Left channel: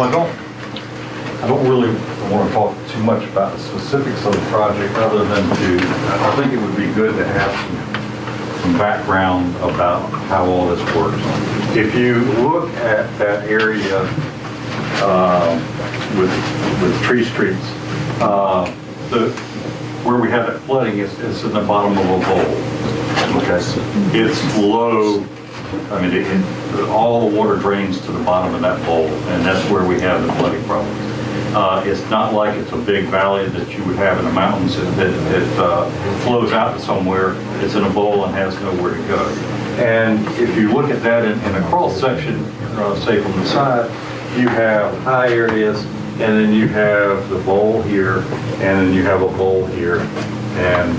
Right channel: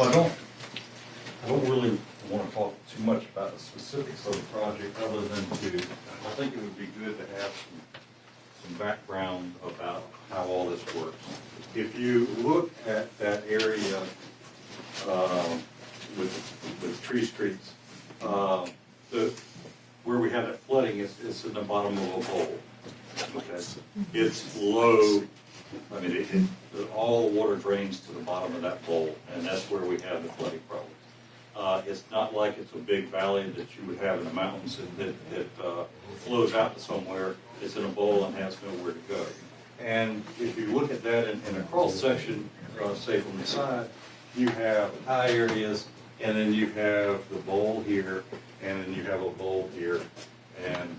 Well, I don't really want to talk too much about the specifics of the project other than I think it would be good to have some background about how all this works. If you look at that area with tree streets, where we have that flooding is in the bottom of a bowl. Okay, it's low. I mean, all the water drains to the bottom of that bowl, and that's where we have the flooding problem. It's not like it's a big valley that you would have in the mountains that flows out to somewhere. It's in a bowl and has nowhere to go. And if you look at that in a cross section, say from the side, you have high areas, and then you have the bowl here, and then you have a bowl here, and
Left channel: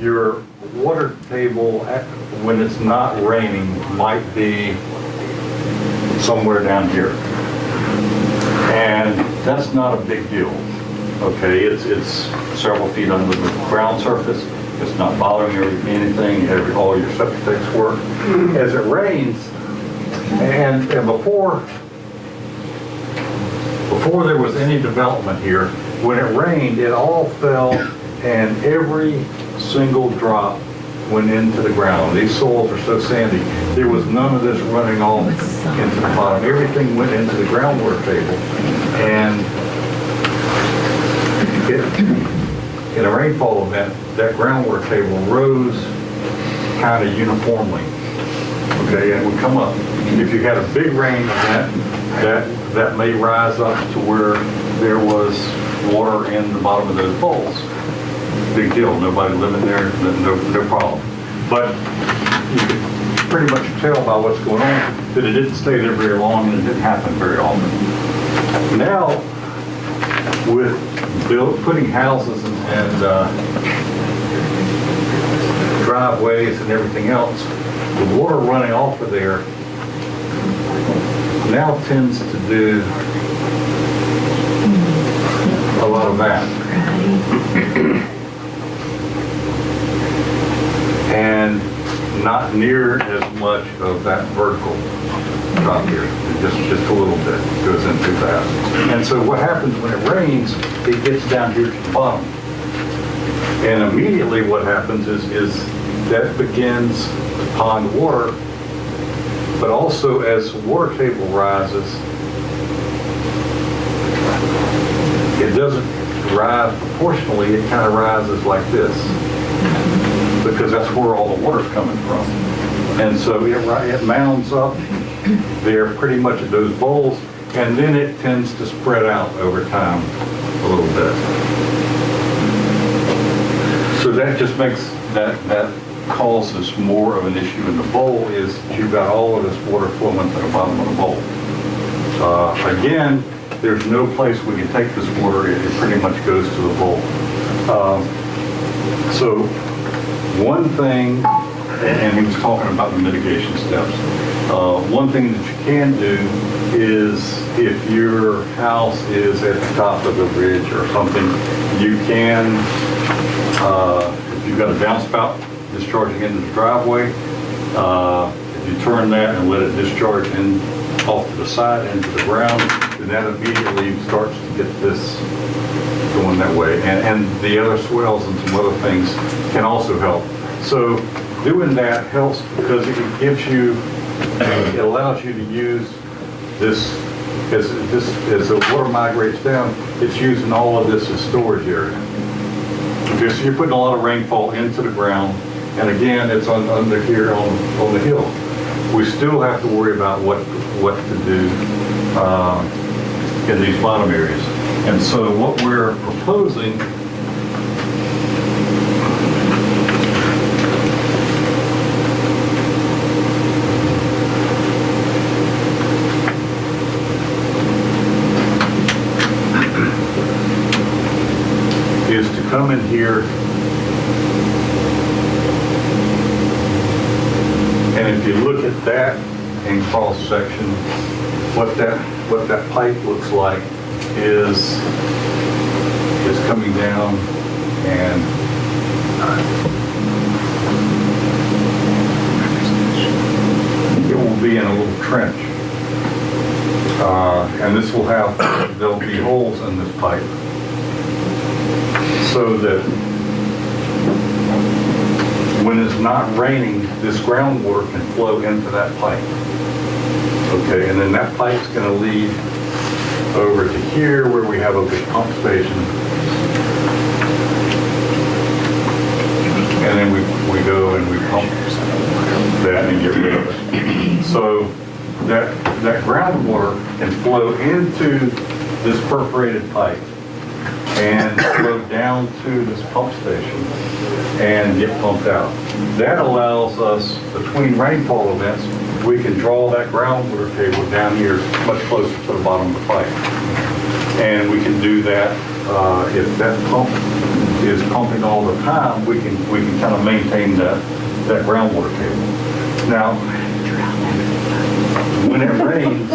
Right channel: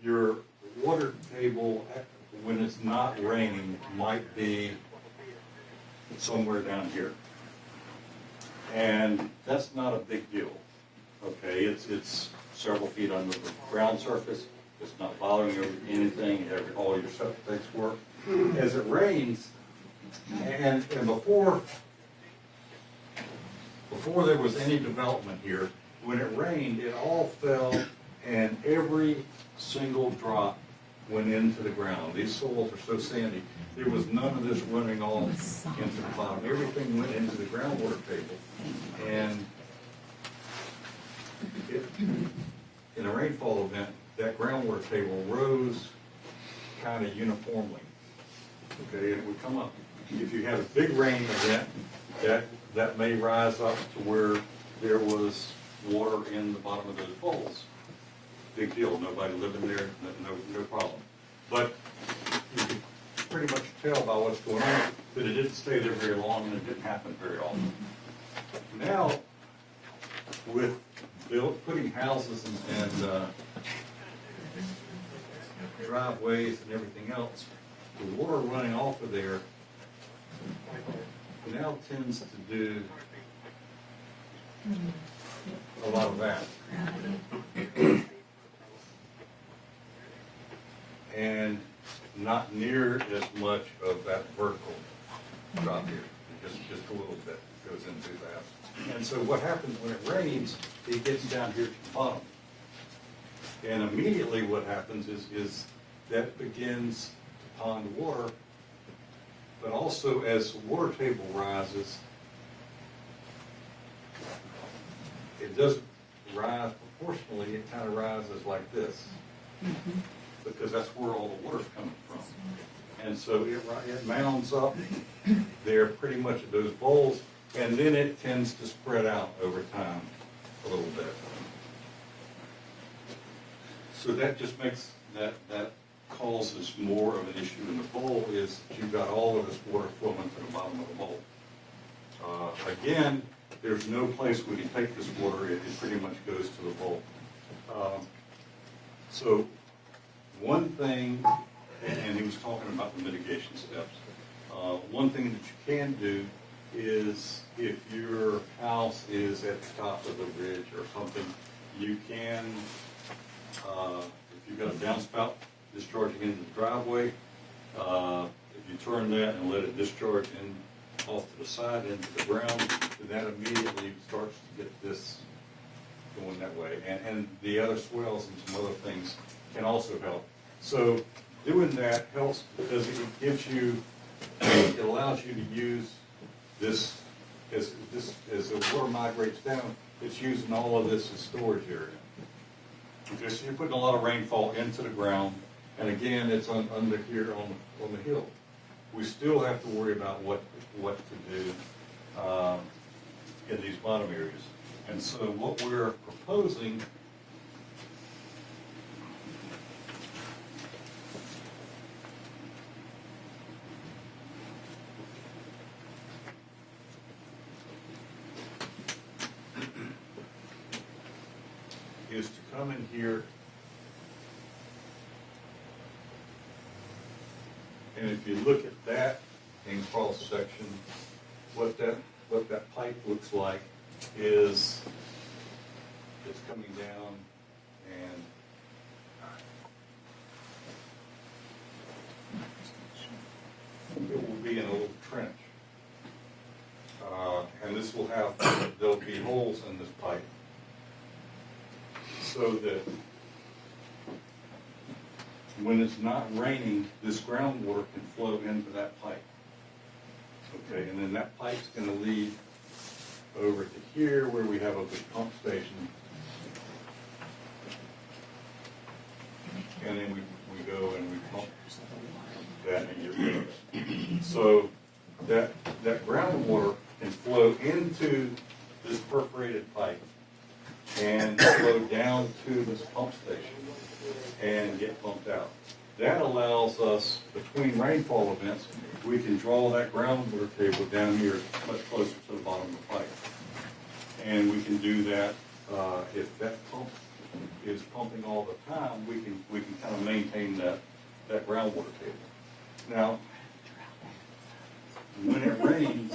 your water table, when it's not raining, might be somewhere down here. And that's not a big deal. Okay, it's several feet under the ground surface. It's not bothering anything. All your septic tanks work. As it rains, and before there was any development here, when it rained, it all fell, and every single drop went into the ground. These soils are so sandy. There was none of this running off into the bottom. Everything went into the groundwater table, and in a rainfall event, that groundwater table rose kind of uniformly. Okay, and it would come up. If you had a big rain event, that may rise up to where there was water in the bottom of those bowls. Big deal, nobody living there, no problem. But you can pretty much tell by what's going on that it didn't stay there very long and it didn't happen very often. Now, with putting houses and driveways and everything else, the water running off of there now tends to do a lot of that. And not near as much of that vertical drop here. Just a little bit goes into that. And so what happens when it rains, it gets down here to the bottom. And immediately what happens is that begins to pond water, but also as the water table rises, it doesn't rise proportionally, it kind of rises like this, because that's where all the water's coming from. And so it mounds up there pretty much at those bowls, and then it tends to spread out over time a little bit. So that just makes that causes more of an issue in the bowl, is you've got all of this water flowing to the bottom of the bowl. Again, there's no place we can take this water. It pretty much goes to the bowl. So one thing, and he was talking about the mitigation steps, one thing that you can do is, if your house is at the top of a ridge or something, you can, if you've got a downspout discharging into the driveway, if you turn that and let it discharge in off to the side into the ground, then that immediately starts to get this going that way. And the other swells and some other things can also help. So doing that helps because it gives you, it allows you to use this, as the water migrates down, it's using all of this as storage area. Okay, so you're putting a lot of rainfall into the ground, and again, it's under here on the hill. We still have to worry about what to do in these bottom areas. And so what we're proposing is to come in here, and if you look at that in cross section, what that pipe looks like is coming down, and it will be in a little trench. And this will have, there'll be holes in this pipe so that when it's not raining, this groundwater can flow into that pipe. Okay, and then that pipe's going to lead over to here where we have a big pump station. And then we go and we pump that and get rid of it. So that groundwater can flow into this perforated pipe and flow down to this pump station and get pumped out. That allows us, between rainfall events, we can draw that groundwater table down here much closer to the bottom of the pipe. And we can do that if that pump is pumping all the time, we can kind of maintain that groundwater table. Now, when it rains,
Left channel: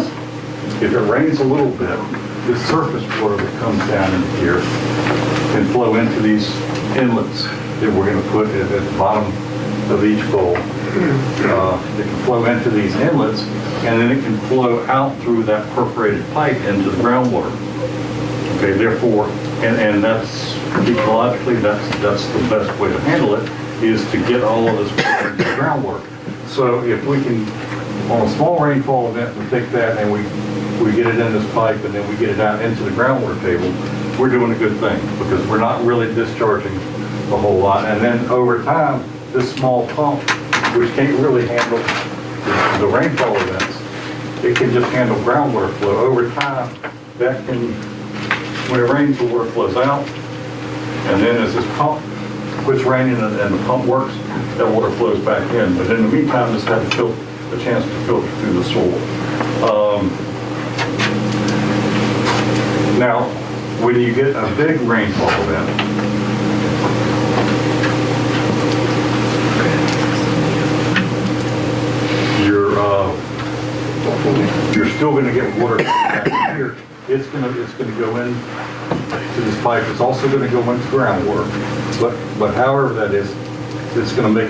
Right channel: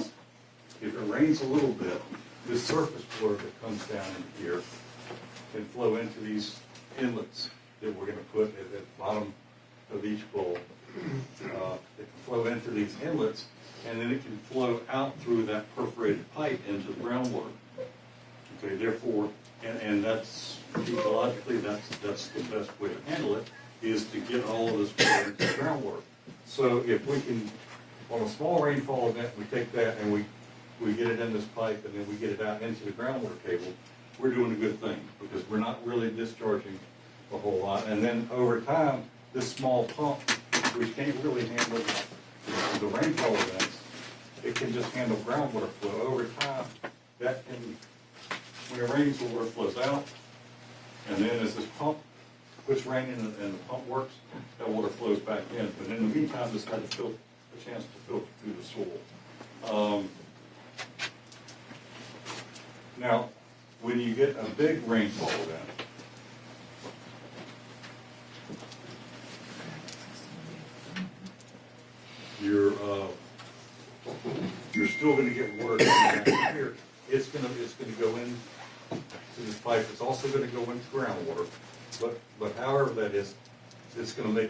if it rains a little bit, the surface water that comes down in here can flow into these inlets that we're going to put at the bottom of each bowl. It can flow into these inlets, and then it can flow out through that perforated pipe into the groundwater. Okay, therefore, and that's ecologically, that's the best way to handle it, is to get all of this water into the groundwater. So if we can, on a small rainfall event, we take that and we get it in this pipe and then we get it out into the groundwater table, we're doing a good thing because we're not really discharging a whole lot. And then over time, this small pump, which can't really handle the rainfall events, it can just handle groundwater flow. Over time, that can, when it rains, the water flows out. And then as this pump quits raining and the pump works, that water flows back in. But in the meantime, this has a chance to filter through the soil. Now, when you get a big rainfall event, you're still going to get water back here. It's going to go in to this pipe. It's also going to go into groundwater. But however that is, it's going to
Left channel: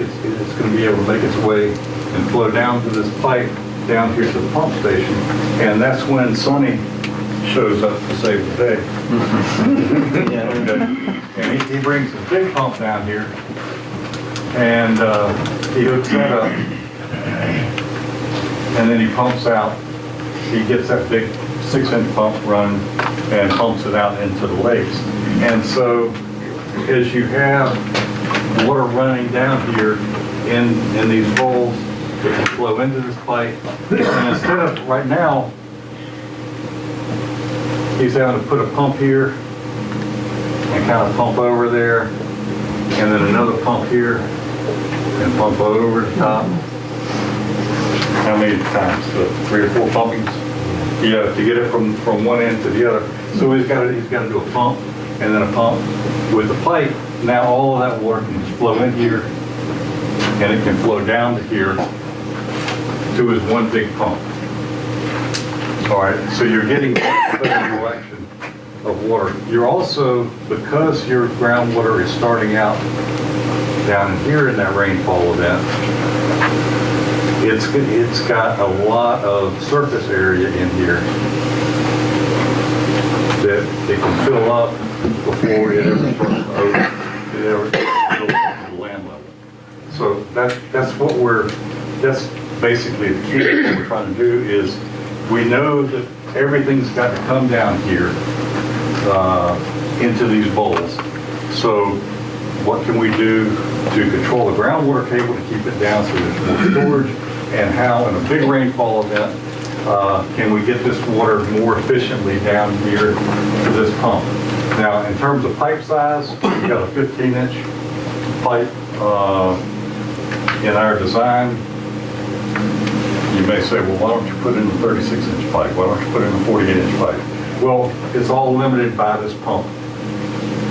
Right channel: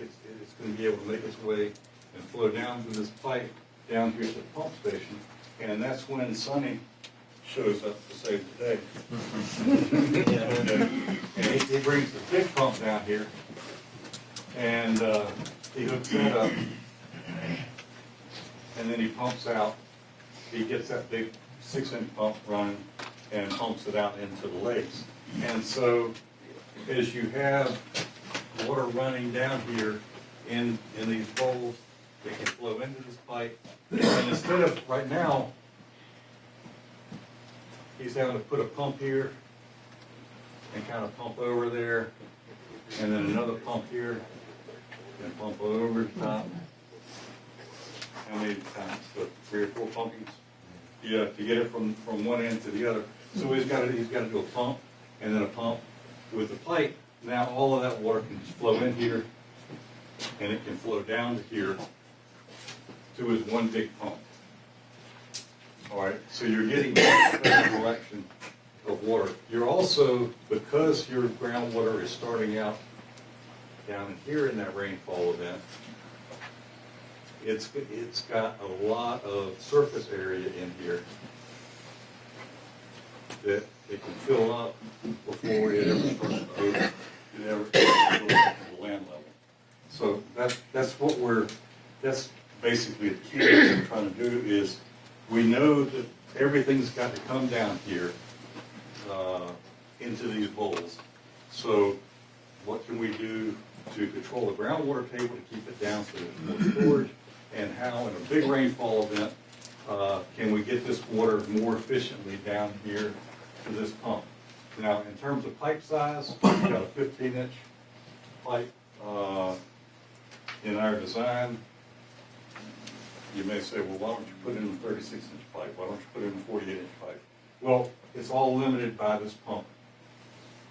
be able to make its way and flow down to this pipe down here to the pump station. And that's when Sonny shows up to save the day. Okay. And he brings a big pump down here, and he hooks that up, and then he pumps out. He gets that big 6-inch pump running and pumps it out into the lakes. And so as you have water running down here in these bowls, it can flow into this pipe. And instead of, right now, he's having to put a pump here and kind of pump over there, and then another pump here and pump over the top. How many times? 3 or 4 pumpings? Yeah, to get it from one end to the other. So he's got to do a pump and then a pump with the pipe. Now all of that water can just flow in here, and it can flow down to here to his one big pump. All right, so you're getting that direction of water. You're also, because your groundwater is starting out down here in that rainfall event, it's got a lot of surface area in here that it can fill up before it ever starts to open, it ever fills up to the land level. So that's basically the key. What we're trying to do is, we know that everything's got to come down here into these bowls. So what can we do to control the groundwater table to keep it down so there's more storage? And how, in a big rainfall event, can we get this water more efficiently down here to this pump? Now, in terms of pipe size, we've got a 15-inch pipe in our design. You may say, well, why don't you put in a 36-inch pipe? Why don't you put in a 48-inch pipe? Well, it's all limited by this pump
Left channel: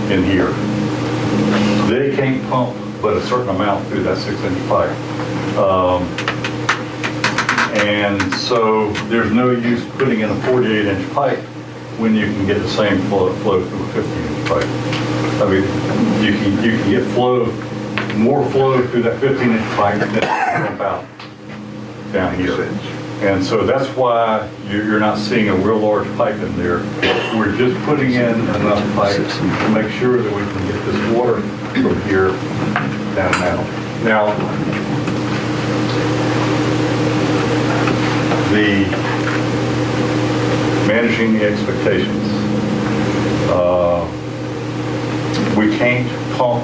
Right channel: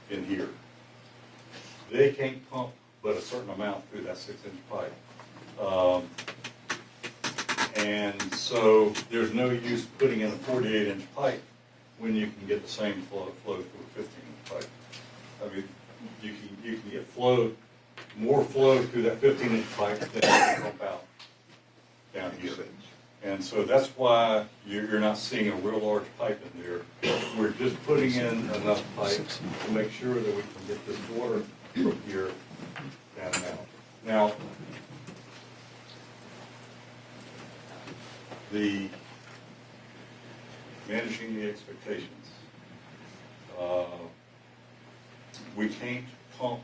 in here. They can't pump but a certain amount through that 6-inch pipe. And so there's no use putting in a 48-inch pipe when you can get the same flow through a 15-inch pipe. I mean, you can get more flow through that 15-inch pipe than pump out down here. And so that's why you're not seeing a real large pipe in there. We're just putting in enough pipe to make sure that we can get this water from here down now. Now, the managing the expectations. We can't pump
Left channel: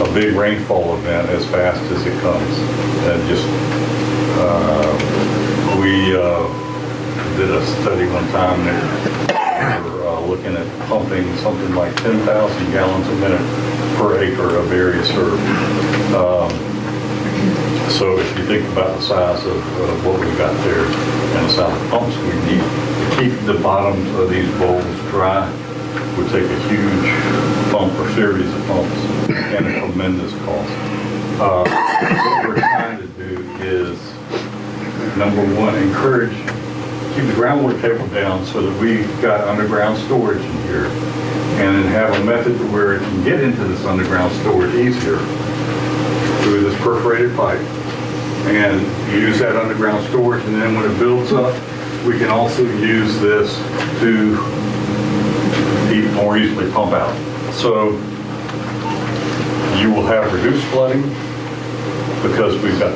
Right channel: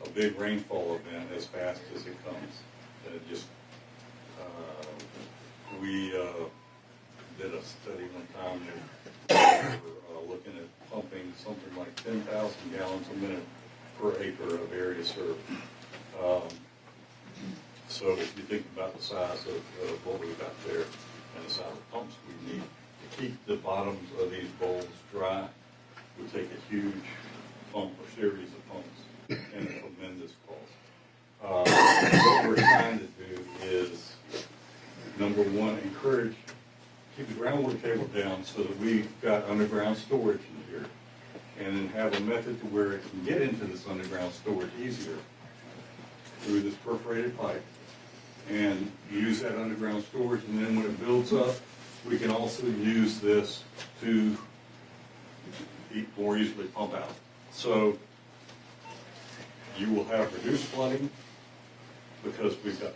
a big rainfall event as fast as it comes. And just we did a study one time that we were looking at pumping something like 10,000 gallons a minute per acre of area served. So if you think about the size of what we've got there and the size of pumps we need to keep the bottoms of these bowls dry, would take a huge pump or series of pumps and a tremendous cost. What we're trying to do is, number one, encourage, keep the groundwater table down so that we've got underground storage in here, and then have a method to where it can get into this underground storage easier through this perforated pipe, and use that underground storage, and then when it builds up, we can also use this to more easily pump out. So you will have reduced flooding because we've got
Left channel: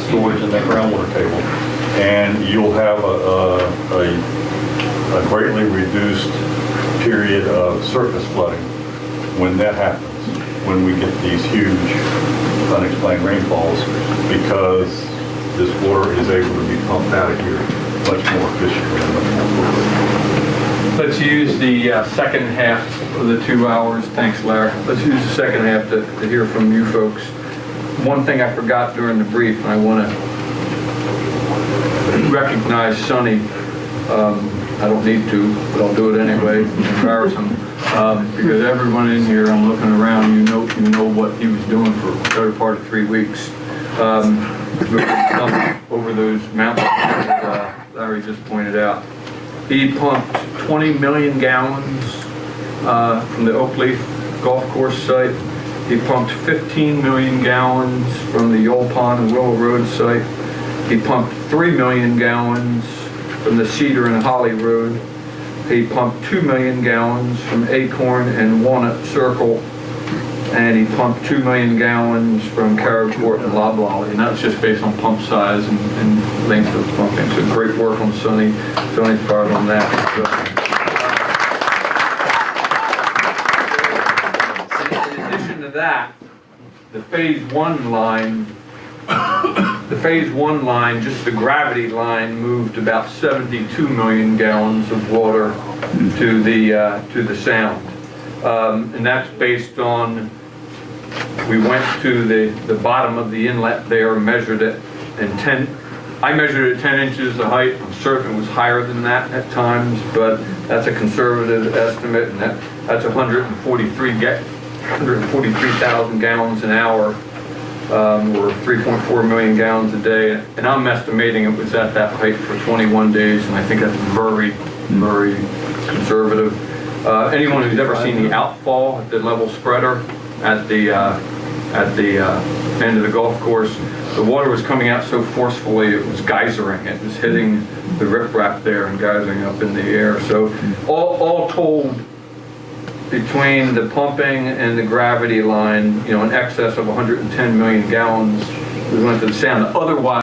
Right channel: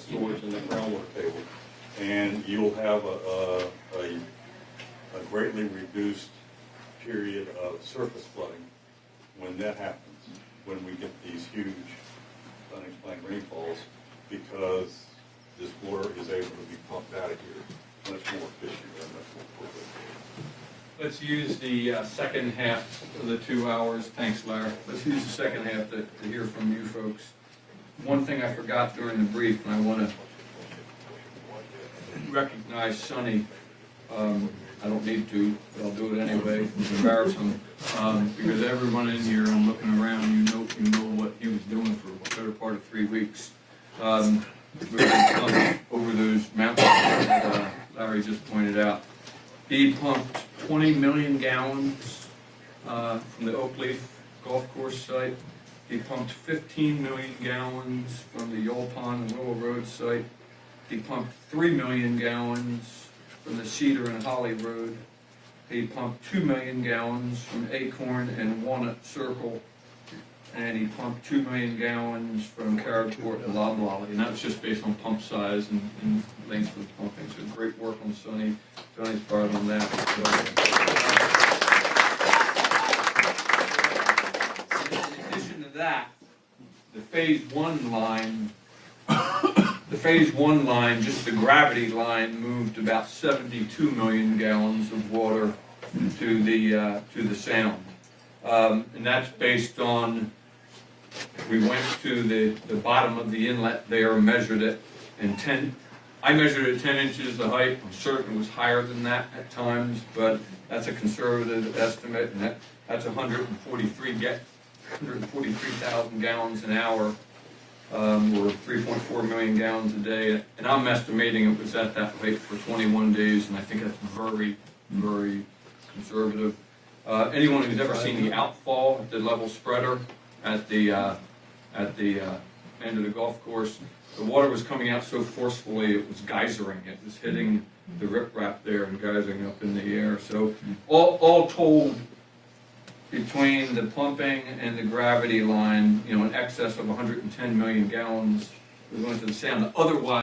storage in that groundwater table, and you'll have a greatly reduced period of surface flooding when that happens, when we get these huge unexplained rainfalls, because this water is able to be pumped out of here much more efficiently and much more quickly. Let's use the second half of the 2 hours. Thanks, Larry. Let's use the second half to hear from you folks. One thing I forgot during the brief, and I want to recognize Sonny. I don't need to, but I'll do it anyway. Embarrass him. Because everyone in here, I'm looking around, you know what he was doing for the better part of 3 weeks. Over those mountains that Larry just pointed out. He pumped 20 million gallons from the Oak Leaf Golf Course site. He pumped 15 million gallons from the Yole Pond and Willow Road site. He pumped 3 million gallons from the Cedar and Holly Road. He pumped 2 million gallons from Acorn and Walnut Circle. And he pumped 2 million gallons from Carrot and Loblolly, and that's just based on pump size and length of pumping. So great work on Sonny's part on that. So, in addition to that, the phase one line, just the gravity line, moved about 72 million gallons of water to the sound, and that's based on. We went to the bottom of the inlet there, measured it, and I measured it 10 inches of height. I'm certain it was higher than that at times, but that's a conservative estimate, and that's 143,000 gallons an hour, or 3.4 million gallons a day. And I'm estimating it was at that height for 21 days, and I think that's very, very conservative. Anyone who's ever seen the outfall at the level spreader at the end of the golf course, the water was coming out so forcefully it was geysering. It was hitting the riprap there and geysering up in the air. So all told, between the pumping and the gravity line, in excess of 110 million gallons we went to the sound. Otherwise